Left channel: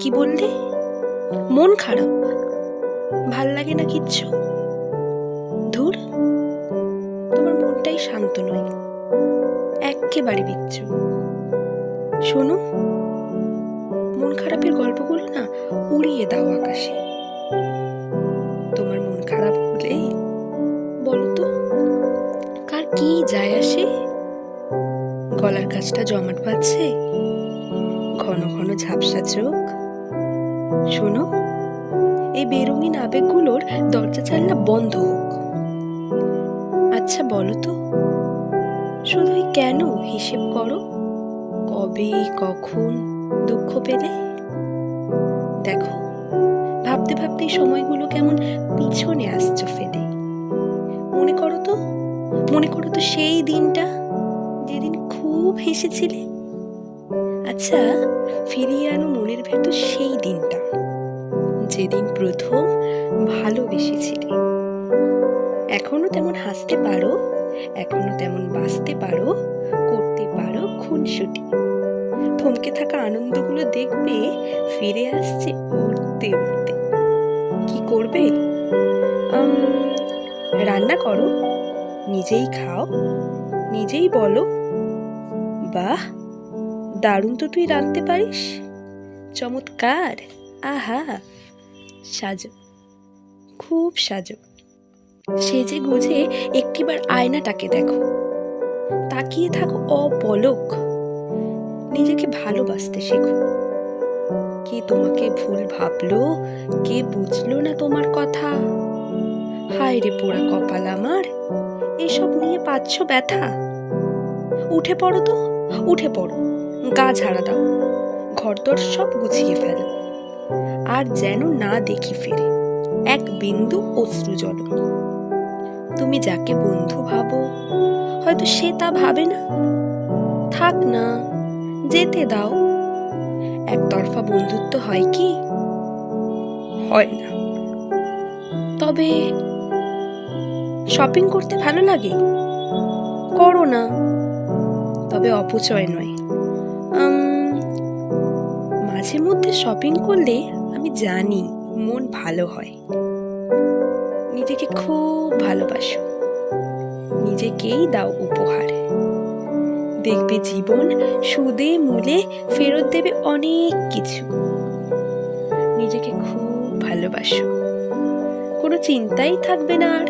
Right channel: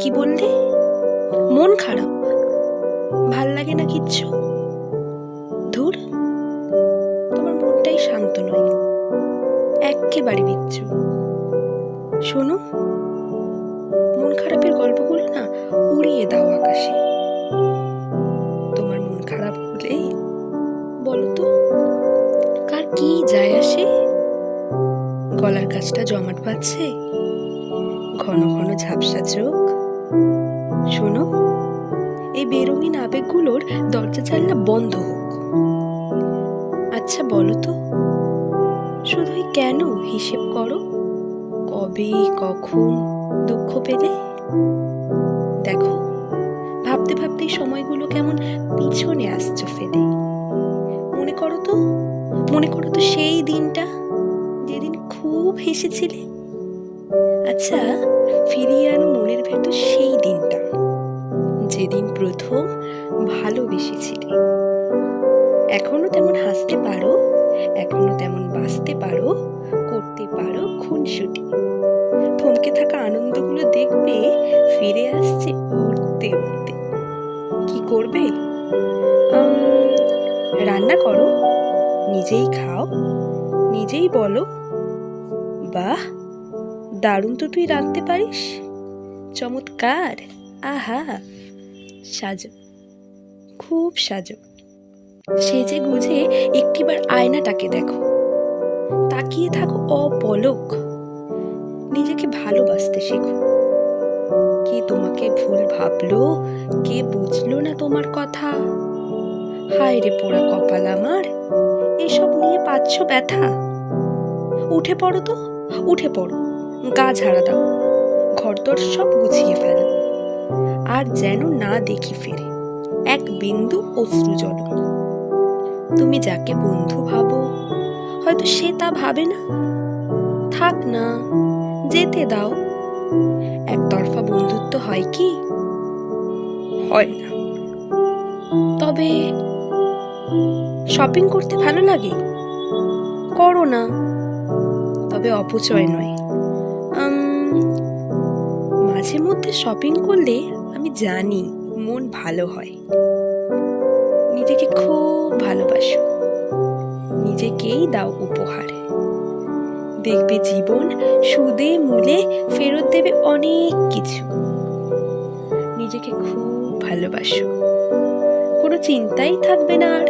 কি বললে? মন খারাপ? ভাল লাগে না কিচ্ছু? ধুর, তোমার মনটাই শান্ত নয়, এক্কেবারে বিচ্ছু। শোনো, মন খারাপের গল্পগুলো না উড়িয়ে দাও আকাশে। তোমার মন খারাপ হলে বলো তো, কার কি যায় আসে? গলার কাছটা জমাট বাঁধছে, ঘন ঘন ঝাপসা চোখ। শোনো, এই বেরঙিন আবেগগুলোর দরজা জানলা বন্ধ হোক। আচ্ছা বলো তো, শুধুই কেন হিসেব করো? কবে কখন দুঃখ পেলে? দেখো, ভাবতে ভাবতে সময়গুলো কেমন পিছনে আসছো ফেলে। মনে করো তো, মনে করো তো সেই দিনটা যেদিন খুব হেসেছিলে। আচ্ছা, ফিরিয়ে আনো মনের ভেতর সেই দিনটা যেদিন প্রথম ভালোবেসেছিলে। এখনো তেমন হাসতে পারো, এখনো তেমন বাঁচতে পারো, করতে পারো খুনসুটি। থমকে থাকা আনন্দগুলো দেখবে ফিরে আসছে উড়তে উড়তে। কি করবে? রান্না করো, নিজেই খাও, নিজেই বলো, বাহ, দারুণ তো তুই রাঁধতে পারিস, চমৎকার, আহা। সাজো, খুব সাজো, সেজে গুজে একটিবার আয়নাটাকে দেখো, তাকিয়ে থাকো অপলক। নিজেকে ভালোবাসতে শেখো। কে তোমাকে ভুল ভাবলো, কে বুঝলো না তোমার কথা? হায় রে পোড়া কপাল আমার, এসব নিয়ে পাচ্ছ ব্যথা। উঠে পড়ো তো, উঠে পড়ো, গা ঝাড়া দাও, ঘরদোর সব গুছিয়ে ফেলো, আর যেন না দেখি ফিরে এক বিন্দু অশ্রু জল। তুমি যাকে বন্ধু ভাবো, হয়তো সে তা ভাবে না। থাক না, যেতে দাও। একতরফা বন্ধুত্ব হয় কি? হয় না। তবে শপিং করতে ভালো লাগে? করো না, তবে অপচয় নয়। মাঝে মধ্যে শপিং করলে আমি জানি মন ভালো হয়। নিজেকে খুব ভালোবাসো, নিজেকেই দাও উপহার। দেখবে জীবন সুদে মূলে ফেরত দেবে অনেক কিছু। নিজেকে খুব ভালোবাসো, কোনো চিন্তাই থাকবে না আর।